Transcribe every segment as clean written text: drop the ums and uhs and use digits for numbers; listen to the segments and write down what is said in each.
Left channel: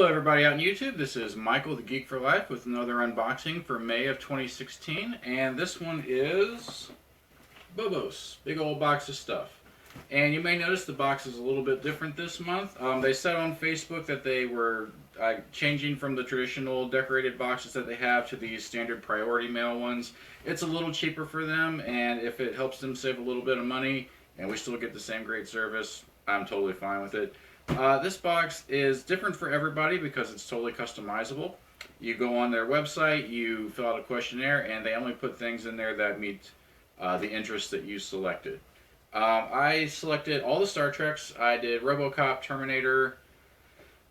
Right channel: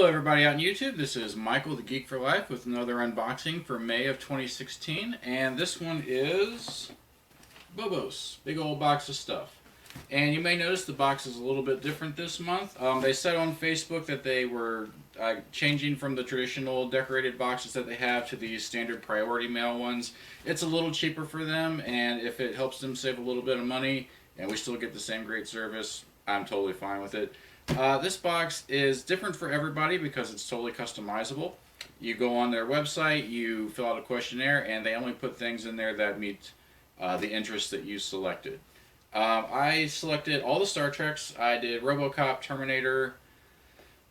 Hello everybody out on YouTube, this is Michael the Geek for Life with another unboxing for May of 2016, and this one is BOBOS, big old box of stuff. And you may notice the box is a little bit different this month. They said on Facebook that they were changing from the traditional decorated boxes that they have to these standard priority mail ones. It's a little cheaper for them, and if it helps them save a little bit of money and we still get the same great service, I'm totally fine with it. This box is different for everybody because it's totally customizable. You go on their website, you fill out a questionnaire, and they only put things in there that meet the interests that you selected. I selected all the Star Treks. I did RoboCop, Terminator,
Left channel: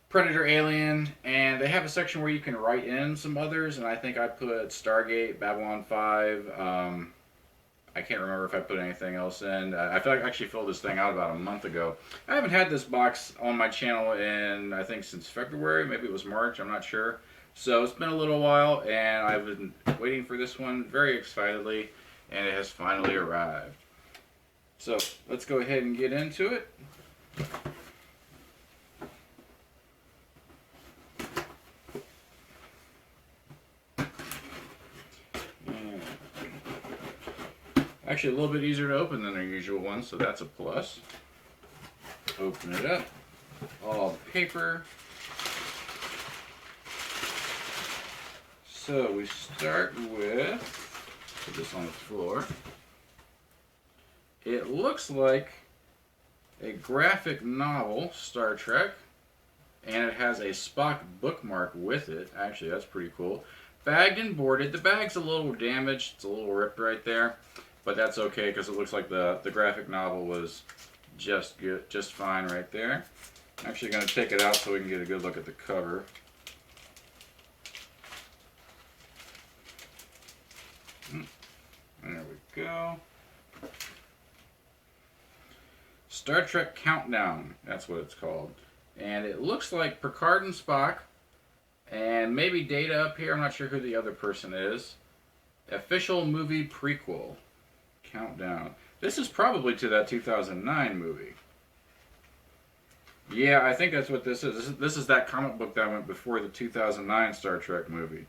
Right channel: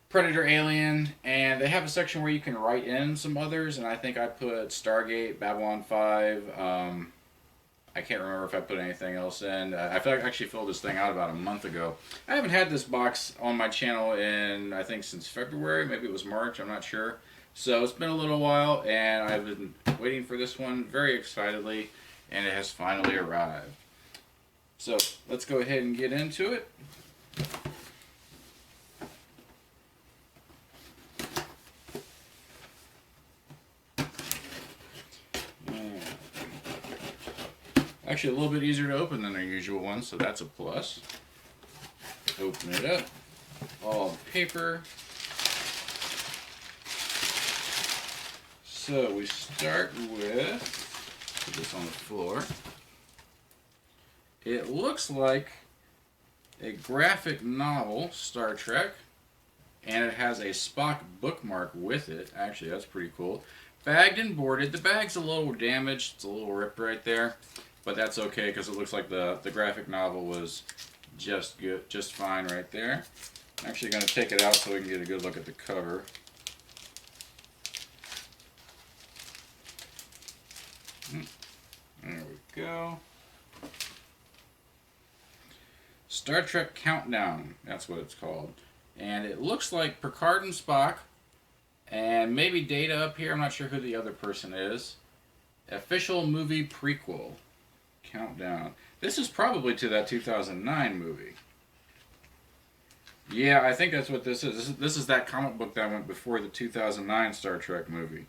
Predator, Alien, and they have a section where you can write in some others, and I think I put Stargate, Babylon 5, I can't remember if I put anything else in. I feel like I actually filled this thing out about a month ago. I haven't had this box on my channel in, I think, since February. Maybe it was March. I'm not sure. So it's been a little while, and I've been waiting for this one very excitedly, and it has finally arrived. So let's go ahead and get into it. Actually, a little bit easier to open than their usual one, so that's a plus. Open it up. All the paper. So we start with, put this on the floor. It looks like a graphic novel, Star Trek, and it has a Spock bookmark with it. Actually, that's pretty cool. Bagged and boarded. The bag's a little damaged. It's a little ripped right there. But that's okay because it looks like the graphic novel was just good, just fine right there. I'm actually going to take it out so we can get a good look at the cover. There we go. Star Trek Countdown, that's what it's called. And it looks like Picard and Spock, and maybe Data up here. I'm not sure who the other person is. Official movie prequel. Countdown. This is probably to that 2009 movie. Yeah, I think that's what this is. This is that comic book that went before the 2009 Star Trek movie.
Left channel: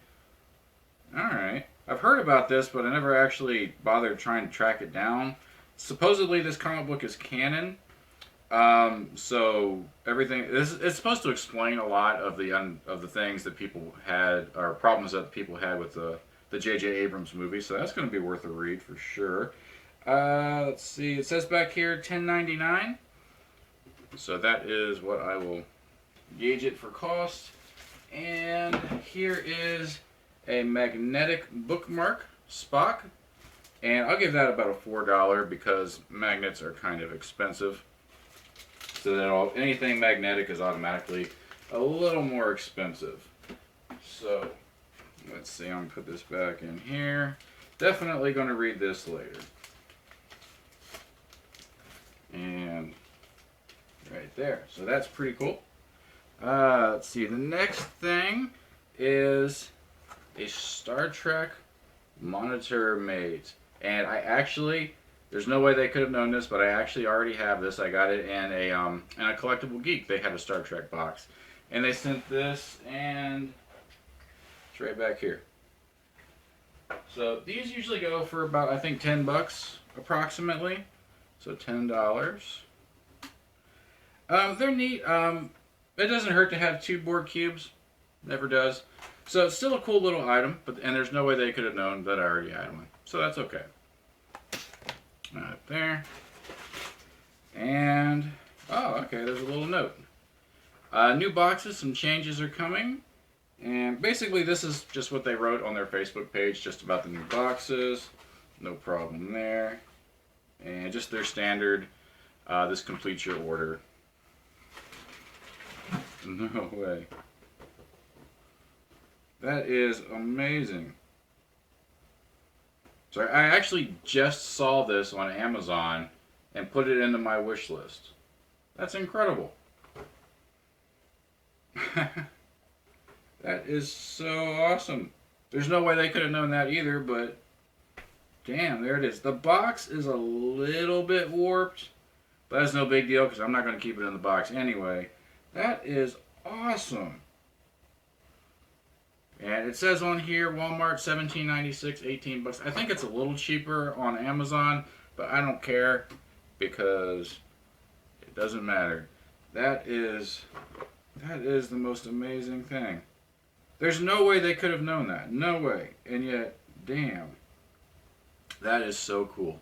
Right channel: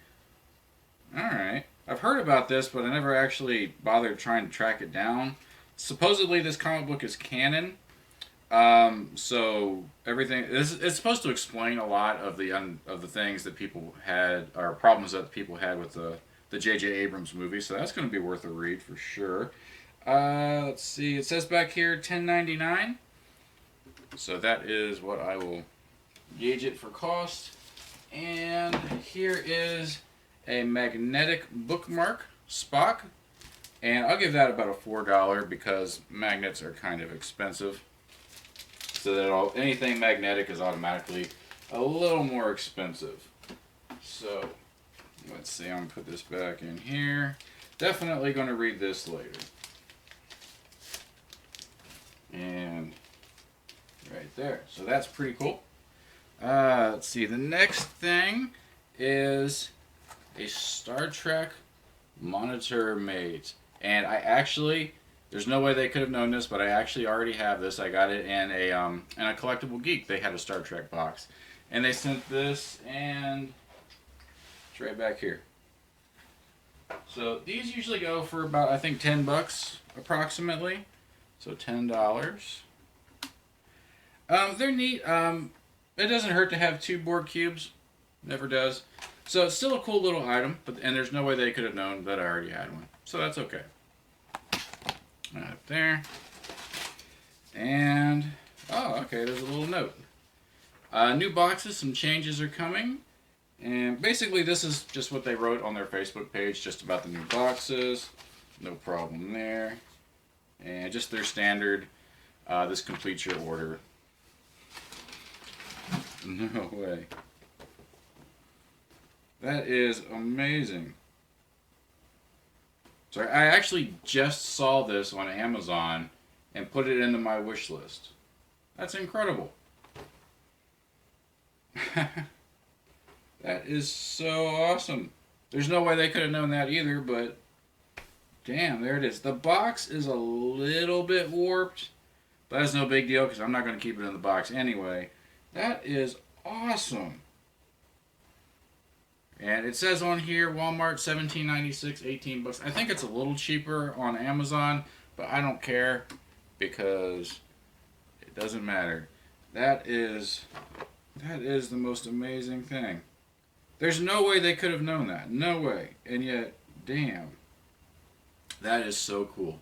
Alright. I've heard about this, but I never actually bothered trying to track it down. Supposedly this comic book is canon. So everything it's supposed to explain a lot of the things that people had, or problems that people had with the J.J. Abrams movie, so that's going to be worth a read for sure. Let's see, it says back here $10.99, so that is what I will gauge it for cost. And here is a magnetic bookmark, Spock, and I'll give that about a $4 because magnets are kind of expensive. So that anything magnetic is automatically a little more expensive. So let's see, I'm going to put this back in here. Definitely going to read this later. And right there. So that's pretty cool. Let's see, the next thing is a Star Trek monitor mate. And I actually, there's no way they could have known this, but I actually already have this. I got it in a Collectible Geek. They had a Star Trek box. And they sent this, and it's right back here. So these usually go for about, I think, 10 bucks approximately. So $10. They're neat. It doesn't hurt to have two board cubes. Never does. So it's still a cool little item, and there's no way they could have known that I already had one. So that's okay. Up there. And, oh, okay, there's a little note. New boxes, some changes are coming. And basically this is just what they wrote on their Facebook page, just about the new boxes. No problem there. And just their standard, this completes your order. No way. That is amazing. So I actually just saw this on Amazon and put it into my wish list. That's incredible. That is so awesome. There's no way they could have known that either, but damn, there it is. The box is a little bit warped, but that's no big deal because I'm not going to keep it in the box anyway. That is awesome. And it says on here Walmart $17.96, 18 bucks. I think it's a little cheaper on Amazon, but I don't care because it doesn't matter. That is the most amazing thing. There's no way they could have known that. No way. And yet, damn. That is so cool.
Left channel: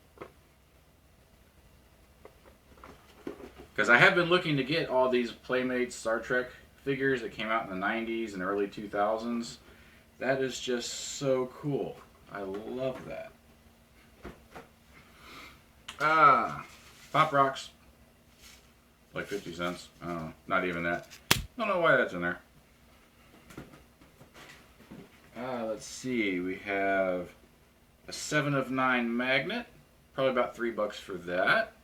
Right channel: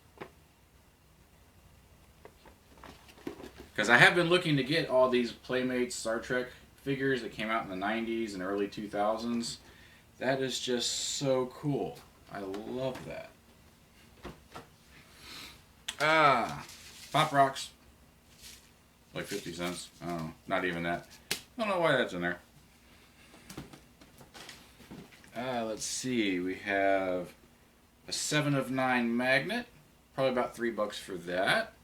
Because I have been looking to get all these Playmates Star Trek figures that came out in the 90s and early 2000s. That is just so cool. I love that. Pop Rocks. Like 50 cents. I don't know. Not even that. I don't know why that's in there. Let's see. We have a 7 of 9 magnet. Probably about $3 for that.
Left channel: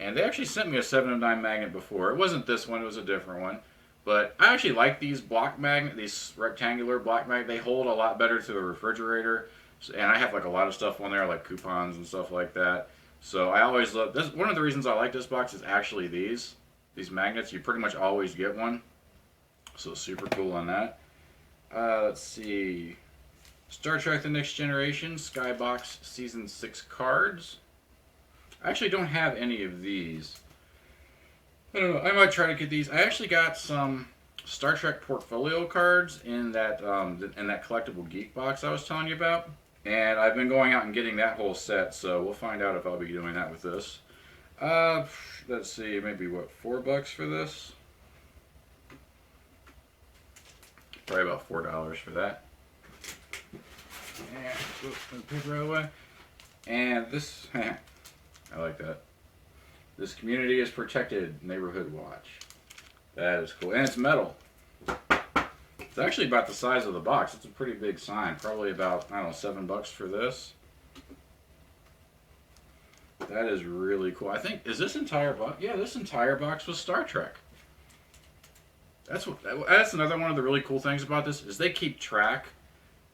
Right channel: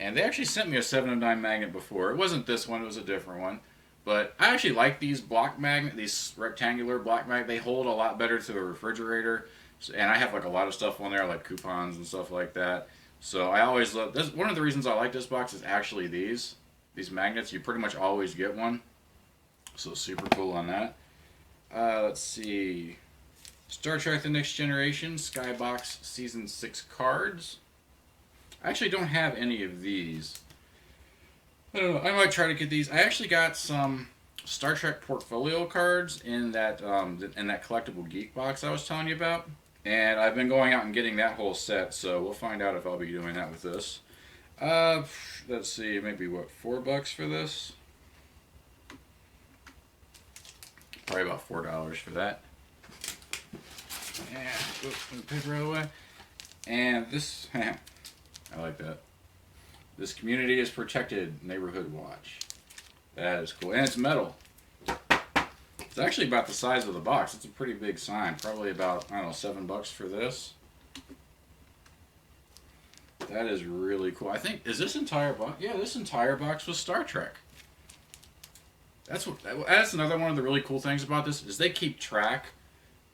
And they actually sent me a 7 of 9 magnet before. It wasn't this one, it was a different one. But I actually like these block magnet, these rectangular block magnet. They hold a lot better to the refrigerator. And I have like a lot of stuff on there, like coupons and stuff like that. So I always love this. One of the reasons I like this box is actually these magnets. You pretty much always get one. So super cool on that. Let's see. Star Trek The Next Generation, Skybox Season 6 cards. I actually don't have any of these. I don't know. I might try to get these. I actually got some Star Trek portfolio cards in that collectible geek box I was telling you about. And I've been going out and getting that whole set, so we'll find out if I'll be doing that with this. Let's see, maybe what, $4 for this? Probably about $4 for that. And whoops, put the paper out of the way. And this, I like that. This Community is Protected Neighborhood Watch. That is cool. And it's metal. It's actually about the size of the box. It's a pretty big sign. Probably about, I don't know, $7 for this. That is really cool. I think, is this entire box? Yeah, this entire box was Star Trek. That's another one of the really cool things about this is they keep track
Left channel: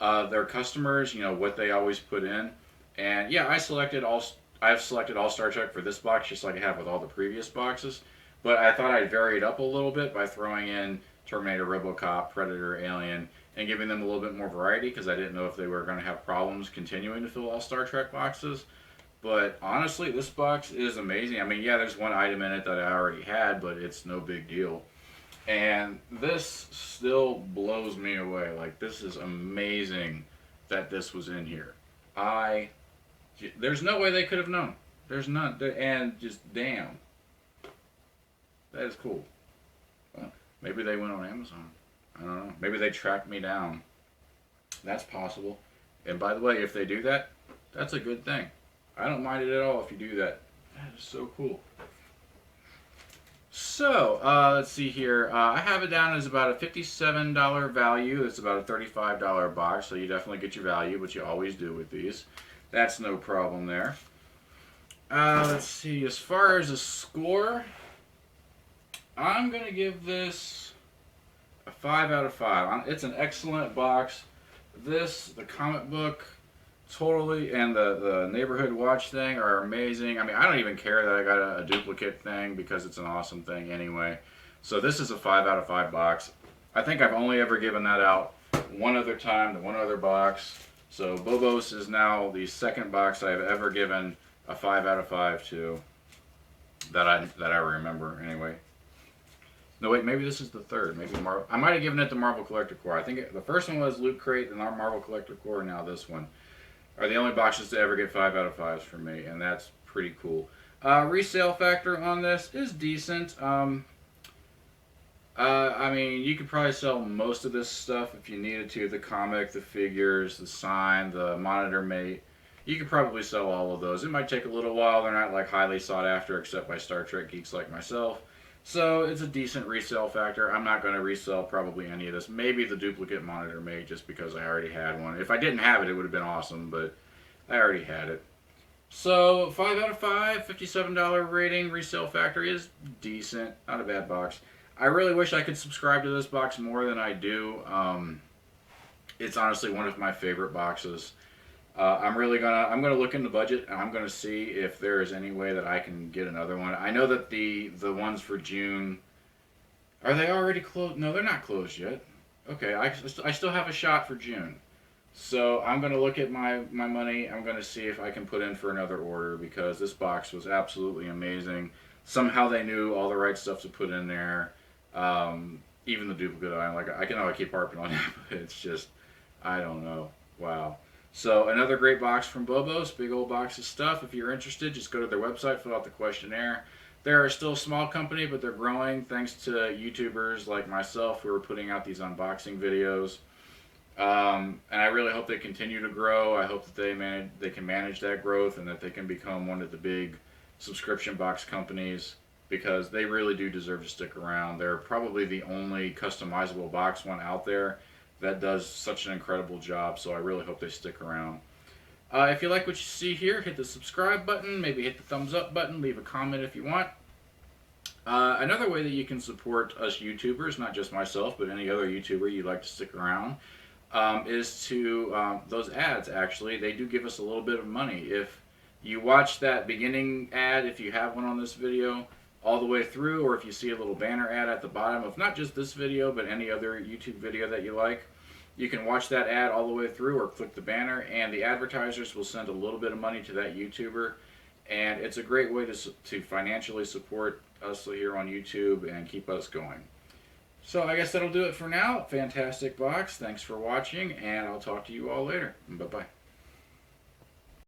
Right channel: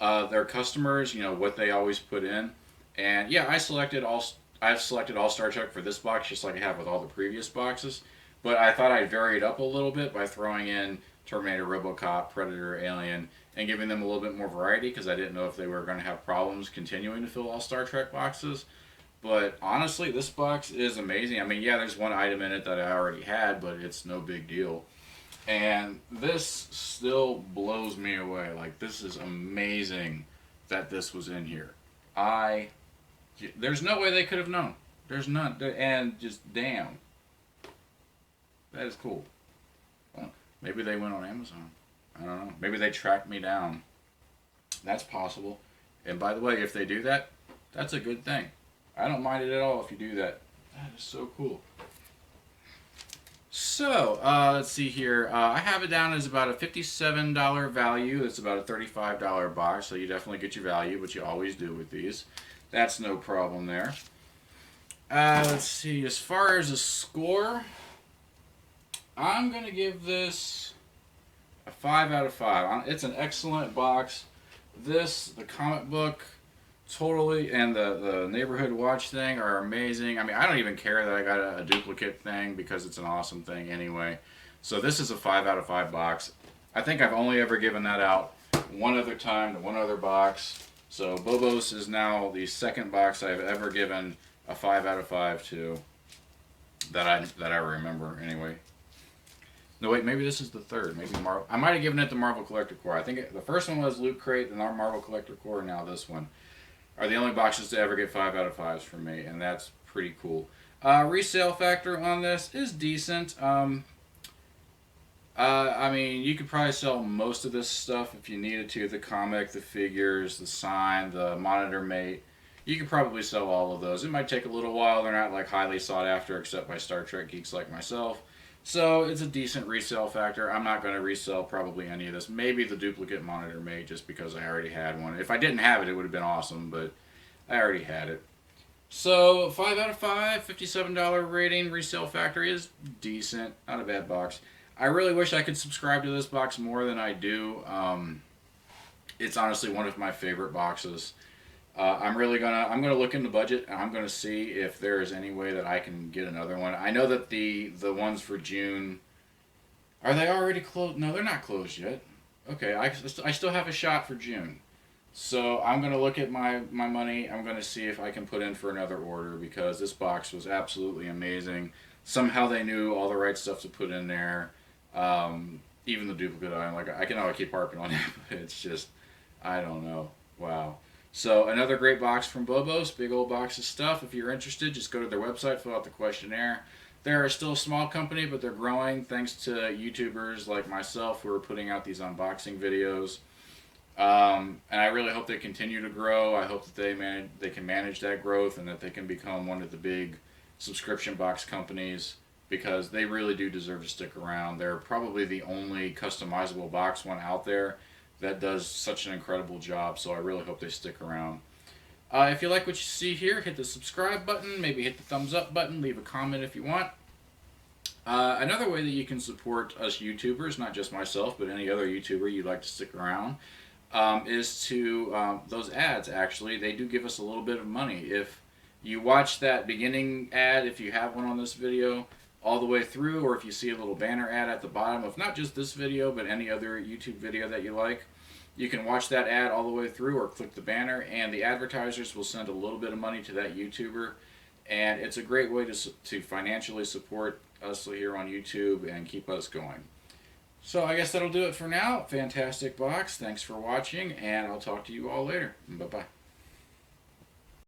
of their customers, you know, what they always put in. And yeah, I've selected all Star Trek for this box just like I have with all the previous boxes. But I thought I'd vary it up a little bit by throwing in Terminator, RoboCop, Predator, Alien, and giving them a little bit more variety because I didn't know if they were going to have problems continuing to fill all Star Trek boxes. But honestly, this box is amazing. I mean, yeah, there's one item in it that I already had, but it's no big deal. And this still blows me away. Like, this is amazing that this was in here. There's no way they could have known. There's none. And just, damn. That is cool. Maybe they went on Amazon. I don't know. Maybe they tracked me down. That's possible. And by the way, if they do that, that's a good thing. I don't mind it at all if you do that. That is so cool. So, let's see here. I have it down as about a $57 value. It's about a $35 box, so you definitely get your value, which you always do with these. That's no problem there. Let's see. As far as a score, I'm going to give this a 5 out of 5. It's an excellent box. The comic book, totally, and the neighborhood watch thing are amazing. I mean, I don't even care that I got a duplicate thing because it's an awesome thing anyway. So this is a 5 out of 5 box. I think I've only ever given that out one other time to one other box. So BOBOS is now the second box I've ever given a 5 out of 5 to that I remember anyway. No, wait, maybe this is the third. Maybe I might have given it the Marvel Collector Core. I think the first one was Loot Crate, and our Marvel Collector Core, now this one are the only boxes to ever get 5 out of 5s from me, and that's pretty cool. Resale factor on this is decent. I mean, you could probably sell most of this stuff if you needed to. The comic, the figures, the sign, the monitor mate. You could probably sell all of those. It might take a little while. They're not like highly sought after except by Star Trek geeks like myself. So it's a decent resale factor. I'm not going to resell probably any of this. Maybe the duplicate monitor mate just because I already had one. If I didn't have it, it would have been awesome, but I already had it. So 5 out of 5, $57 rating. Resale factor is decent. Not a bad box. I really wish I could subscribe to this box more than I do. It's honestly one of my favorite boxes. I'm gonna look in the budget and I'm gonna see if there is any way that I can get another one. I know that the ones for June, are they already closed? No, they're not closed yet. Okay, I still have a shot for June. So I'm going to look at my money. I'm going to see if I can put in for another order because this box was absolutely amazing. Somehow they knew all the right stuff to put in there. Even the duplicate item. Like I know I keep harping on it, but it's just, I don't know. Wow. So another great box from Bobos. Big old box of stuff. If you're interested, just go to their website, fill out the questionnaire. They're still a small company, but they're growing thanks to YouTubers like myself who are putting out these unboxing videos. And I really hope they continue to grow. I hope that they can manage that growth and that they can become one of the big subscription box companies because they really do deserve to stick around. They're probably the only customizable box one out there that does such an incredible job. So I really hope they stick around. If you like what you see here, hit the subscribe button, maybe hit the thumbs up button, leave a comment if you want. Another way that you can support us YouTubers, not just myself, but any other YouTuber you'd like to stick around, is to those ads. Actually, they do give us a little bit of money. If you watch that beginning ad, if you have one on this video, all the way through, or if you see a little banner ad at the bottom of not just this video, but any other YouTube video that you like, you can watch that ad all the way through or click the banner, and the advertisers will send a little bit of money to that YouTuber. And it's a great way to financially support us here on YouTube and keep us going. So I guess that'll do it for now. Fantastic box. Thanks for watching, and I'll talk to you all later. Bye-bye.